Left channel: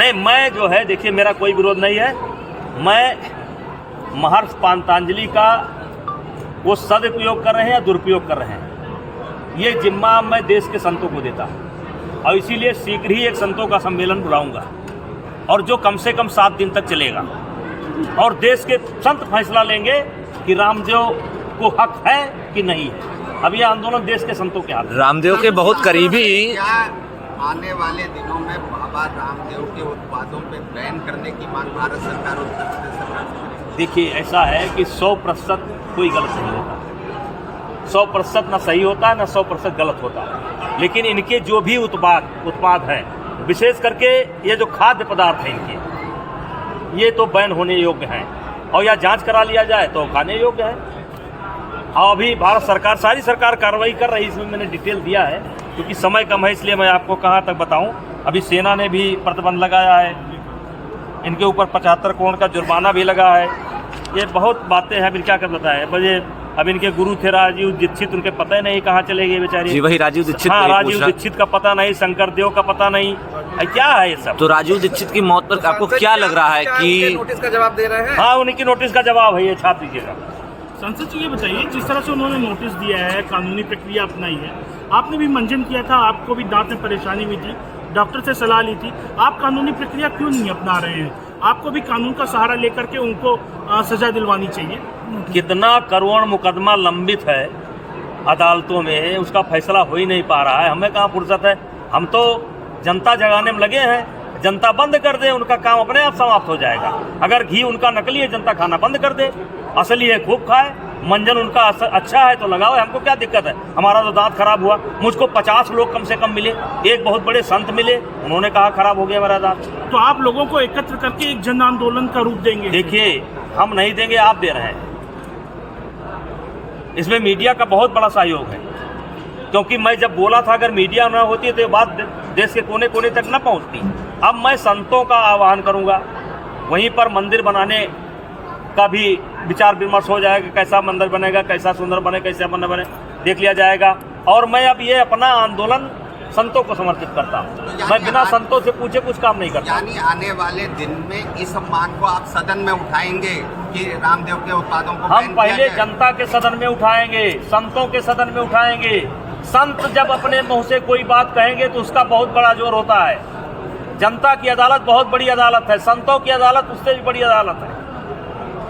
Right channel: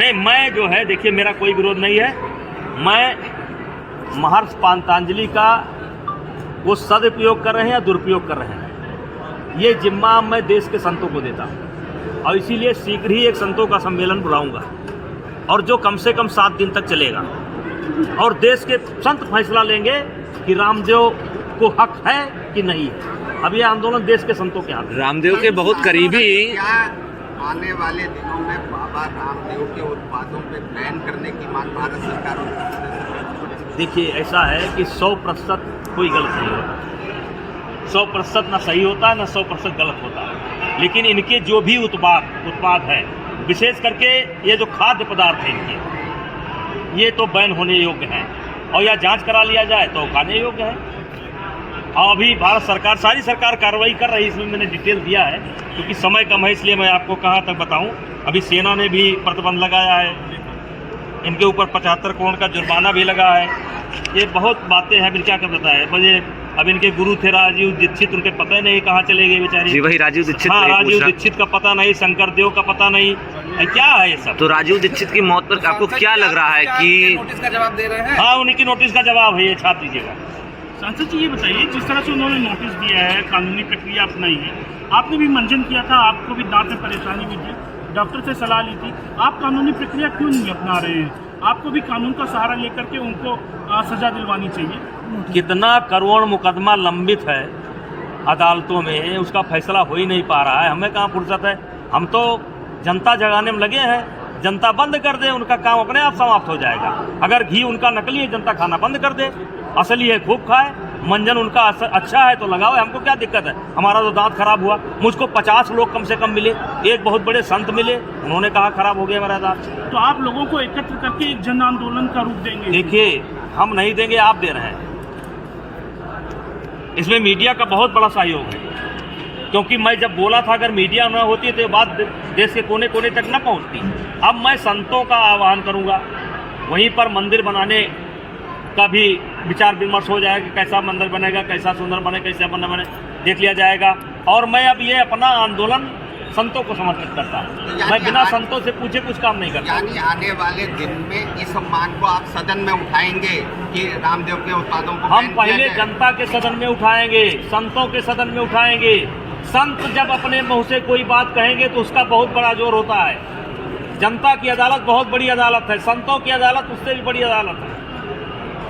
नहीं, मैं जो है देखिए मेरा कोई विरोध नहीं है। मैं महर्षि पातंजलि का वो सदुपयोग कर रहे हैं या दुरुपयोग कर रहे हैं, ये जिम्मा मैं देश के संतों को देता हूँ और इसीलिए शीघ्र ही एक संतों का सम्मेलन बुलाऊंगा और जो कम से कम 7 दिन तक चलेगा और देश के संत फैसला लेंगे कि रामदेव को हक है कि नहीं है। अब ये आंदोलन देश के संतों के हाथ। रामदेव के बहुत करीबी आने वाले दिनों में बाबा रामदेव के उत्पादों पे बैन करने की मांग भारत सरकार को करती है। देखिए ऐसा है कि 100% कोई गलत नहीं होता, 100% ना सही होता है ना 100% गलत होता है, लेकिन इनके जो भी उत्पाद हैं, विशेष करके ये जो खाद्य पदार्थ हैं इनके, ये तो बैन होने योग्य हैं और या जांच करा लिया जाए तो खाने योग्य है। और अभी भारत सरकार, सारी सरकार कार्रवाई कर रही है, इसमें मैंने डिटेल दिया है क्योंकि समय कम है इसलिए मैं आपको कहाँ तक बताऊं। अभी सेना ने भी प्रतिबंध लगाया है, इनके ऊपर 75 करोड़ का जुर्माना भी लगा है। ये बहुत बातें हैं, अभी क्या कर बताए मुझे। अब इनके गुरु थे राजीव दीक्षित, उनके पता ही नहीं कहाँ चले गए बेचारे। जी वही राजीव दीक्षित। हाँ, राजीव दीक्षित का पता नहीं, शंकर देव का पता नहीं, क्या है ये सब। तो राजीव दीक्षित की मौत पर आपको क्या लग रहा है कि नोटिस का जवाब दे रहे हैं? हाँ, उनकी नोटिस का जवाब है, ये छाप दीजिएगा। सांसद जी ये बताइए, जिस तरह से उन्होंने नोटिस दिया है, कानूनी प्रक्रिया अपनाई है, आपने भी मंजन किया था, आपको भी दांत में परेशानी हुई थी, डॉक्टर से सलाह ली थी, आप कानूनी प्रक्रिया क्यों नहीं अपना रहे हैं? आपको भी कानून का सहारा लेकर के उनको सजा दिलवानी चाहिए। कितना करोड़ मुकदमा लंबित है अदालतों में, उसका फैसला हो ही नहीं पा रहा है। हमें कहाँ फुर्सत है, हम तो जनता जगाने में लगे हैं। जनता बंद कर दे, उनका काम अपने आप समाप्त हो जाएगा। अगर घी उनका नकली है, जनता खाना बंद कर दे, असली है खूब खाए। मंजन उनका अच्छा है तो लगाओ, हमको क्या दिक्कत है। हमारा तो दांत खराब हुआ, मुझको 50 लोग कम से कम मिले, एक बहुत बड़े संत मिले, उन्होंने कहा खराब हो गया मेरा दांत। तो आप लोगों को एकत्र करके एक जन आंदोलन का रूप देंगे? देखिए, हम नहीं देंगे, आप दे रहे हैं। इसमें मीडिया का बहुत बड़ा सहयोग है, क्योंकि मैं जब बोला था अगर मीडिया न होती तो ये बात देश के कोने कोने तक न पहुंचती। अब मैं संतों का आह्वान करूंगा, वहीं पर मंदिर बनाने का भी विचार विमर्श हो जाएगा, कैसा मंदिर बनेगा, कैसा सुंदर बने, कैसा बने देख लिया जाएगा। और मैं अब ये अपना आंदोलन संतों को समर्पित करता हूँ। मैं बिना संतों से पूछे कुछ काम नहीं करता। यानी आने वाले दिन में इस मांग को आप सदन में उठाएंगे कि रामदेव के उत्पादों को हम पहले जनता के सदन में उठाएंगे, संतों के सदन में उठाएंगे। संत जब अपने मुंह से कोई बात कहेंगे तो उसका बहुत बड़ा जोर होता है। जनता की अदालत बहुत बड़ी अदालत है, संतों की अदालत उससे भी बड़ी अदालत है।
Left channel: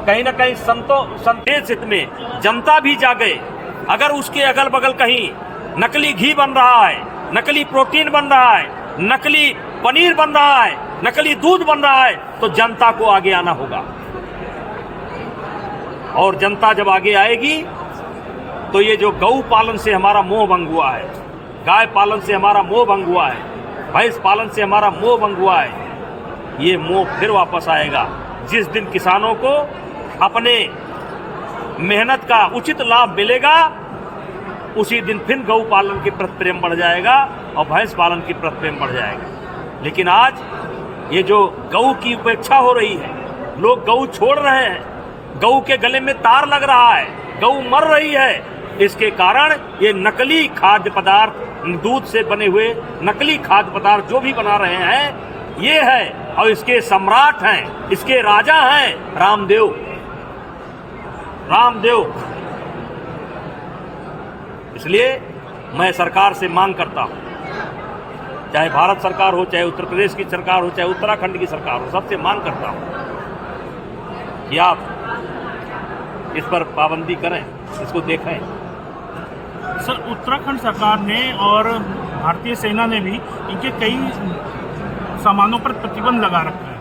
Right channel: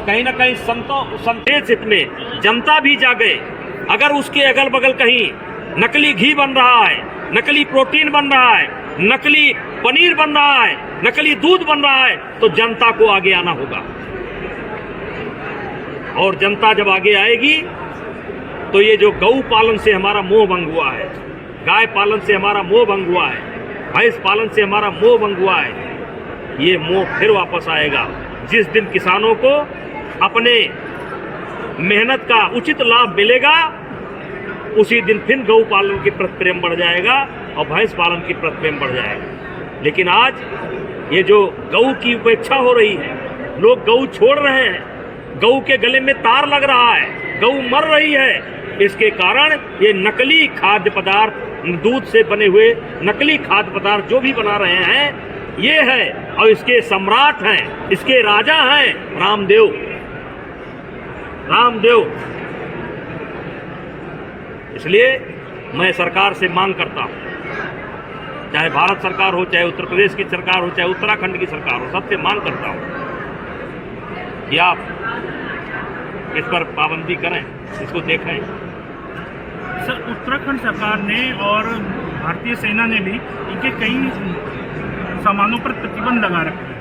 कहीं ना कहीं संदेश हित में जनता भी जागे। अगर उसके अगल बगल कहीं नकली घी बन रहा है, नकली प्रोटीन बन रहा है, नकली पनीर बन रहा है, नकली दूध बन रहा है, तो जनता को आगे आना होगा। और जनता जब आगे आएगी तो ये जो गौ पालन से हमारा मोह भंग हुआ है, गाय पालन से हमारा मोह भंग हुआ है, भैंस पालन से हमारा मोह भंग हुआ है, ये मोह फिर वापस आएगा। जिस दिन किसानों को अपने मेहनत का उचित लाभ मिलेगा, उसी दिन फिर गौ पालन की प्रति प्रेम बढ़ जाएगा और भैंस पालन की प्रति प्रेम बढ़ जाएगा। लेकिन आज ये जो गौ की उपेक्षा हो रही है, लोग गौ छोड़ रहे हैं, गौ के गले में तार लग रहा है, गौ मर रही है, इसके कारण ये नकली खाद्य पदार्थ, दूध से बने हुए नकली खाद्य पदार्थ जो भी बना रहे हैं, ये है। और इसके सम्राट हैं, इसके राजा हैं रामदेव। इसलिए मैं सरकार से मांग करता हूं, चाहे भारत सरकार हो, चाहे उत्तर प्रदेश की सरकार हो, चाहे उत्तराखंड की सरकार हो, सबसे मांग करता हूं कि आप इस पर पाबंदी करें, इसको देखें। सर, उत्तराखंड सरकार ने और भारतीय सेना ने भी इनके कई सामानों पर प्रतिबंध लगा रखा है,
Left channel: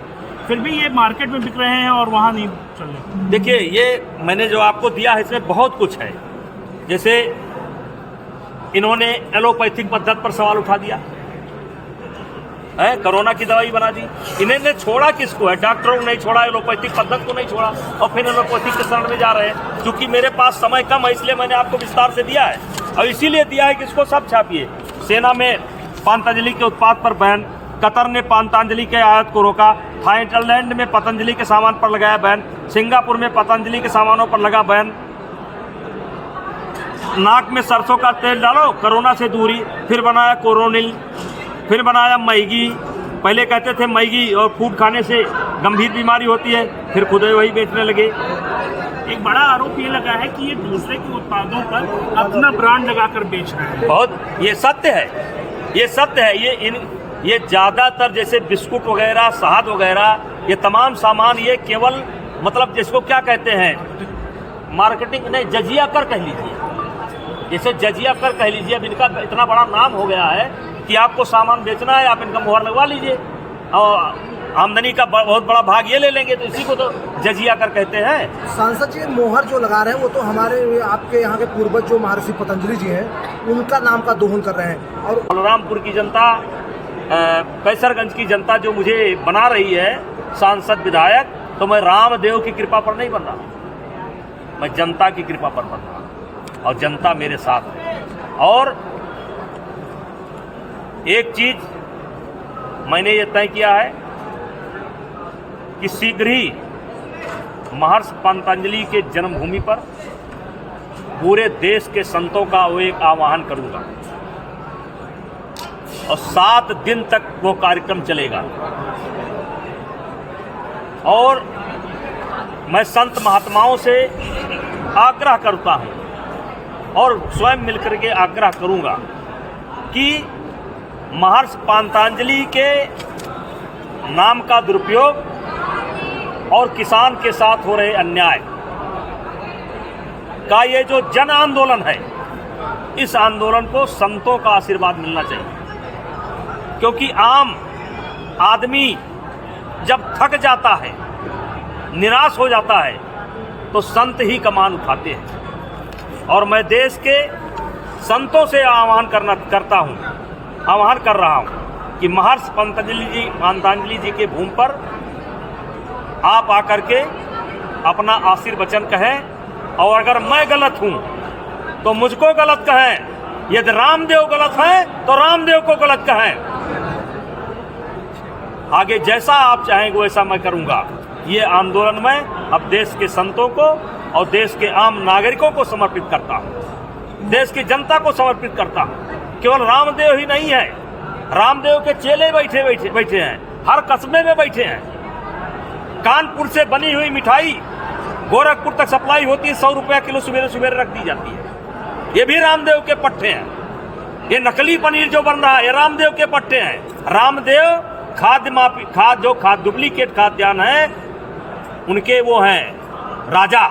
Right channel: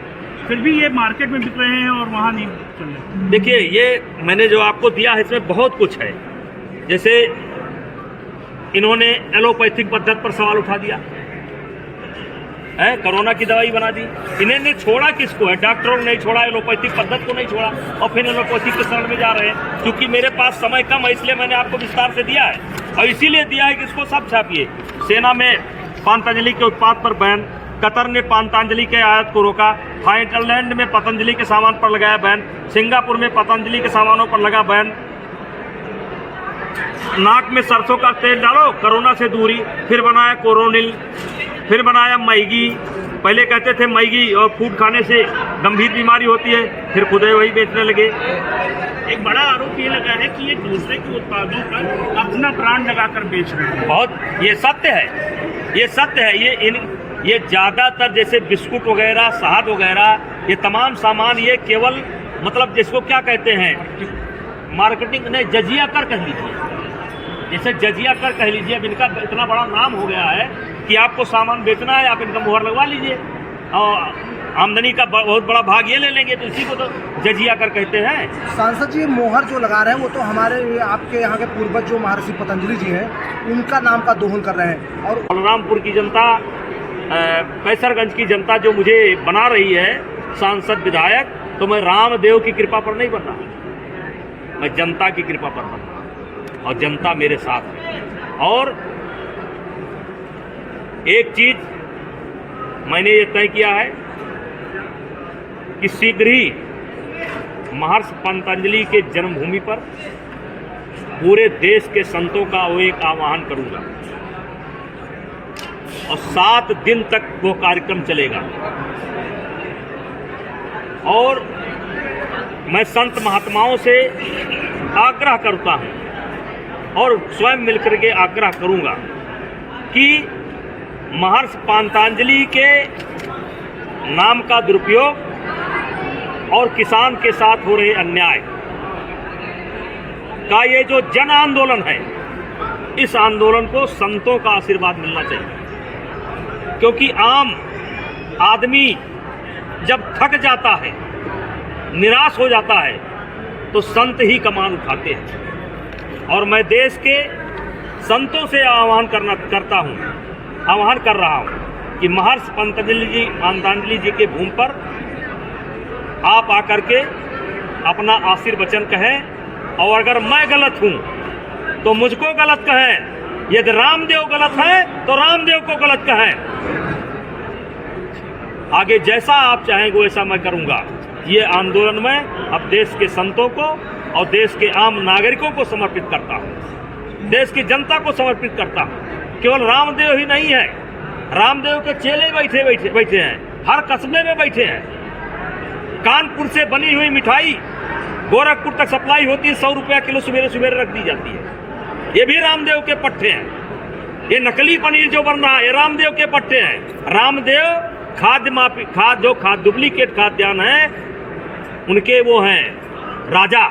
फिर भी ये मार्केट में बिक रहे हैं और वहाँ नहीं चल रहे। देखिए, ये मैंने जो आपको दिया है इसमें बहुत कुछ है। जैसे इन्होंने एलोपैथिक पद्धति पर सवाल उठा दिया है, कोरोना की दवाई बना दी। इन्होंने छोड़ा किसको है? डॉक्टरों ने नहीं छोड़ा, एलोपैथिक पद्धति को नहीं छोड़ा और फिर एलोपैथिक के शरण में जा रहे हैं। क्योंकि मेरे पास समय कम है इसलिए मैंने आपको विस्तार से दिया है, और इसीलिए दिया है कि इसको सब छापिए। सेना में पतंजलि के उत्पाद पर बैन, कतर ने पतंजलि के आयात को रोका, थाईलैंड में पतंजलि के सामान पर लगाया बैन, सिंगापुर में पतंजलि के सामानों पर लगा बैन। नाक में सरसों का तेल डालो, कोरोना से दूरी, फिर बनाया कोरोनिल, फिर बनाया मैगी, पहले कहते थे मैगी और फूड खाने से गंभीर बीमारी होती है, फिर खुद ही वही बेचने लगे। एक बड़ा आरोप ये लगा है कि ये दूसरे के उत्पादों पर अपना ब्रांड लगाकर बेच रहे हैं। बहुत, ये सत्य है, ये सत्य है। ये ज़्यादातर जैसे बिस्कुट वगैरह, शहद वगैरह, ये तमाम सामान ये केवल मतलब जिसको क्या कहते हैं मार्केटिंग ने जजिया कर कह लीजिए, जैसे जजिया कर कह लीजिए। अब इनका इतना बड़ा नाम हो गया है कि आपको सामान बेचना है, आप इनका मुहर लगवा लीजिए और आमदनी का बहुत बड़ा भाग ये ले लेंगे, तो इसी को तो जजिया कर कहते हैं। सांसद जी मोहर जो लगा रहे हैं वो तो हमारे आपके यहाँ के पूर्वज जो महर्षि पतंजलि जी हैं उनका नाम का दोहन कर रहे हैं। और बलरामपुर की जनता, कैसरगंज की जनता जो मुझे बना रही है सांसद विधायक, तो मैं रामदेव की कृपा पर नहीं बन रहा, मैं जनता की कृपा पर बन रहा और जनता मेरे साथ है। और एक चीज मैंने ये तय किया है कि शीघ्र ही महर्षि पतंजलि के जन्मभूमि पर पूरे देश के संतों का वो एक आह्वान करूंगा और 7 दिन तक वो कार्यक्रम चलेगा। और मैं संत महात्माओं से आग्रह करता हूं और स्वयं मिलकर के आग्रह करूंगा कि महर्षि पतंजलि के नाम का दुरुपयोग और किसान के साथ हो रहे अन्याय का ये जो जन आंदोलन है, इस आंदोलन को संतों का आशीर्वाद मिलना चाहिए। क्योंकि आम आदमी जब थक जाता है, निराश हो जाता है, तो संत ही कमान उठाते हैं। और मैं देश के संतों से आह्वान कर रहा हूं कि महर्षि पतंजलि जी के भूमि पर आप आकर के अपना आशीर्वचन कहें, और अगर मैं गलत हूं तो मुझको गलत कहें, यदि रामदेव गलत है तो रामदेव को गलत कहें। आगे जैसा आप चाहेंगे वैसा मैं करूंगा। ये आंदोलन मैं अब देश के संतों को और देश के आम नागरिकों को समर्पित करता हूं, देश की जनता को समर्पित करता हूं। केवल रामदेव ही नहीं है, रामदेव के चेले बैठे हैं, हर कस्बे में बैठे हैं। कानपुर से बनी हुई मिठाई गोरखपुर तक सप्लाई होती है, 100 रुपया किलो सवेरे सवेरे रख दी जाती है। ये भी रामदेव के पट्टे हैं। ये नकली पनीर जो बन रहा है ये रामदेव के पट्टे हैं। रामदेव खाद डुप्लीकेट खाद्यान्न है, उनके वो हैं राजा।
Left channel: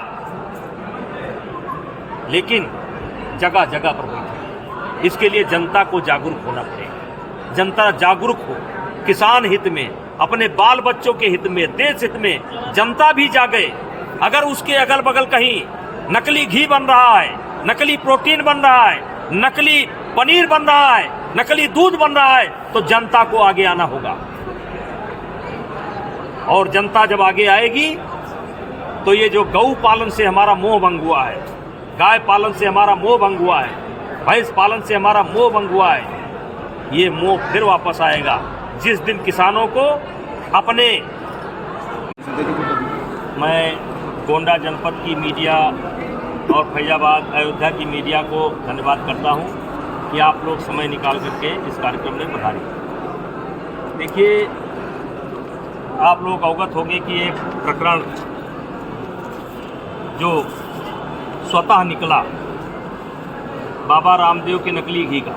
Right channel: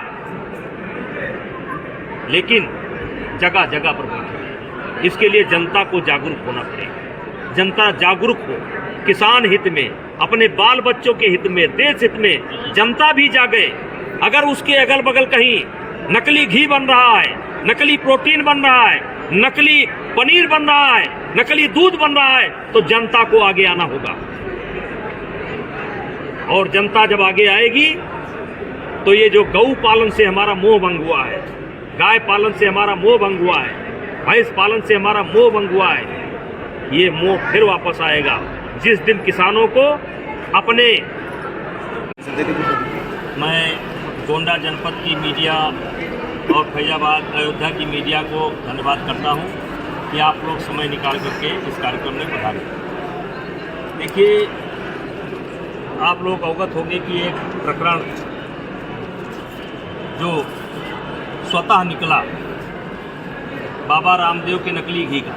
लेकिन जगह जगह पर इसके लिए जनता को जागरूक होना पड़ेगा। जनता जागरूक हो, किसान हित में, अपने बाल बच्चों के हित में, देश हित में जनता भी जागे। अगर उसके अगल बगल कहीं नकली घी बन रहा है, नकली प्रोटीन बन रहा है, नकली पनीर बन रहा है, नकली दूध बन रहा है, तो जनता को आगे आना होगा। और जनता जब आगे आएगी तो ये जो गौ पालन से हमारा मोह भंग हुआ है, गाय पालन से हमारा मोह भंग हुआ है, भैंस पालन से हमारा मोह भंग हुआ है, ये मोह फिर वापस आएगा जिस दिन किसानों को अपने। मैं गोंडा जनपद की मीडिया और फैजाबाद अयोध्या की मीडिया को धन्यवाद करता हूं कि आप लोग समय निकाल करके इस कार्यक्रम में पधारे। देखिए, आप लोग अवगत होंगे कि एक प्रकरण जो स्वतः निकला बाबा रामदेव के नकली घी का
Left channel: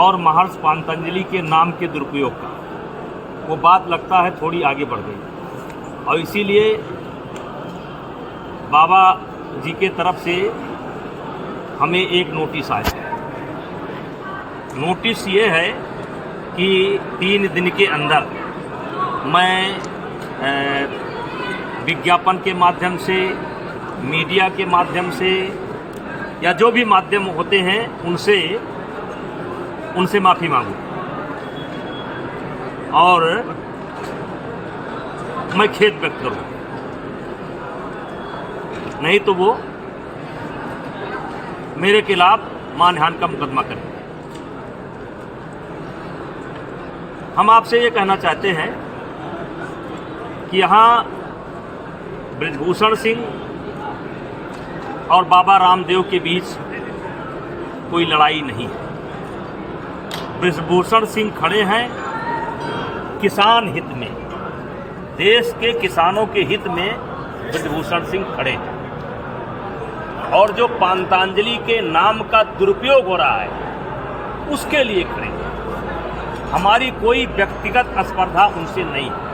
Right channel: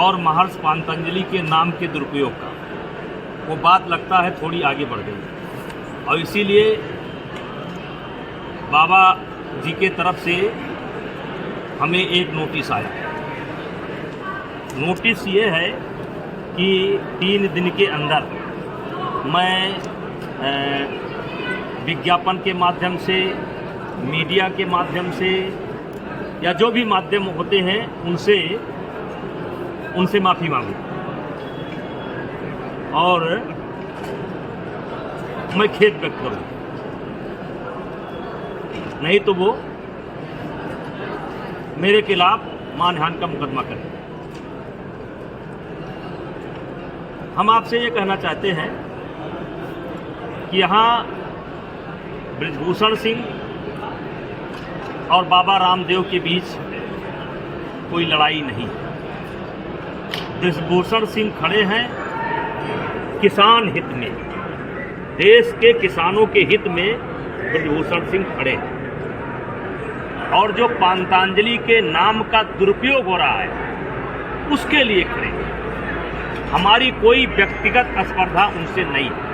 और महर्षि पतंजलि के नाम के दुरुपयोग का, वो बात लगता है थोड़ी आगे बढ़ गई। और इसीलिए बाबा जी के तरफ से हमें एक नोटिस आया। नोटिस ये है कि 3 दिन के अंदर मैं विज्ञापन के माध्यम से, मीडिया के माध्यम से या जो भी माध्यम होते हैं उनसे माफ़ी मांगू और मैं खेद व्यक्त करूं, नहीं तो वो मेरे खिलाफ मानहानि का मुकदमा करें। हम आपसे ये कहना चाहते हैं कि यहाँ बृजभूषण सिंह और बाबा रामदेव के बीच कोई लड़ाई नहीं है। बृजभूषण सिंह खड़े हैं किसान हित में, देश के किसानों के हित में ब्रजभूषण सिंह खड़े थे। और जो पांतांजलि के नाम का दुरुपयोग हो रहा है उसके लिए खड़े हैं। हमारी कोई व्यक्तिगत स्पर्धा उनसे नहीं है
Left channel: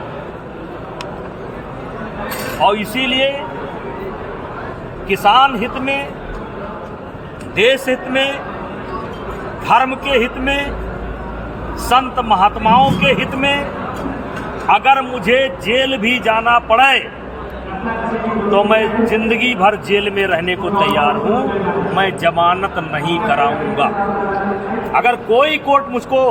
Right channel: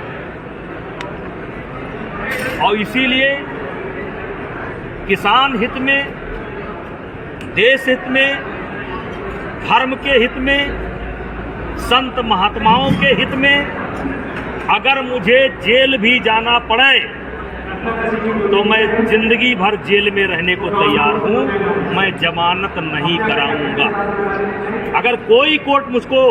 और इसीलिए किसान हित में, देश हित में, धर्म के हित में, संत महात्माओं के हित में अगर मुझे जेल भी जाना पड़े तो मैं जिंदगी भर जेल में रहने को तैयार हूं, मैं जमानत नहीं कराऊंगा। अगर कोई कोर्ट मुझको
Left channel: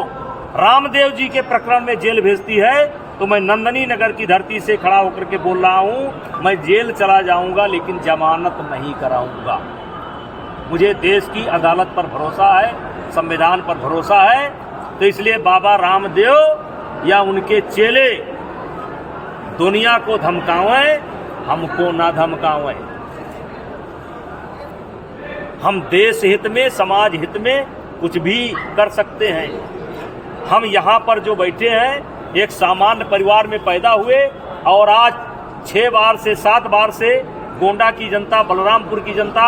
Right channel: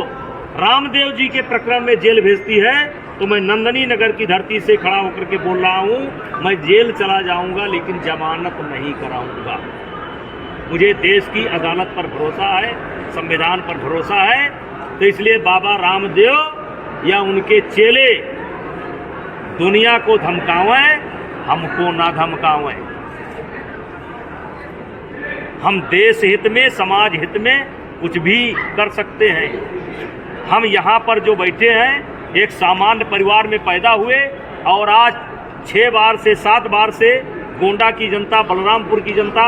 रामदेव जी के प्रकरण में जेल भेजती है तो मैं नंदनी नगर की धरती से खड़ा होकर के बोल रहा हूं, मैं जेल चला जाऊंगा लेकिन जमानत नहीं कराऊंगा। मुझे देश की अदालत पर भरोसा है, संविधान पर भरोसा है, तो इसलिए बाबा रामदेव या उनके चेले दुनिया को धमकावें, हमको ना धमकावें। हम देश हित में, समाज हित में कुछ भी कर सकते हैं। हम यहाँ पर जो बैठे हैं एक सामान्य परिवार में पैदा हुए और आज 6 बार से 7 बार से गोंडा की जनता, बलरामपुर की जनता,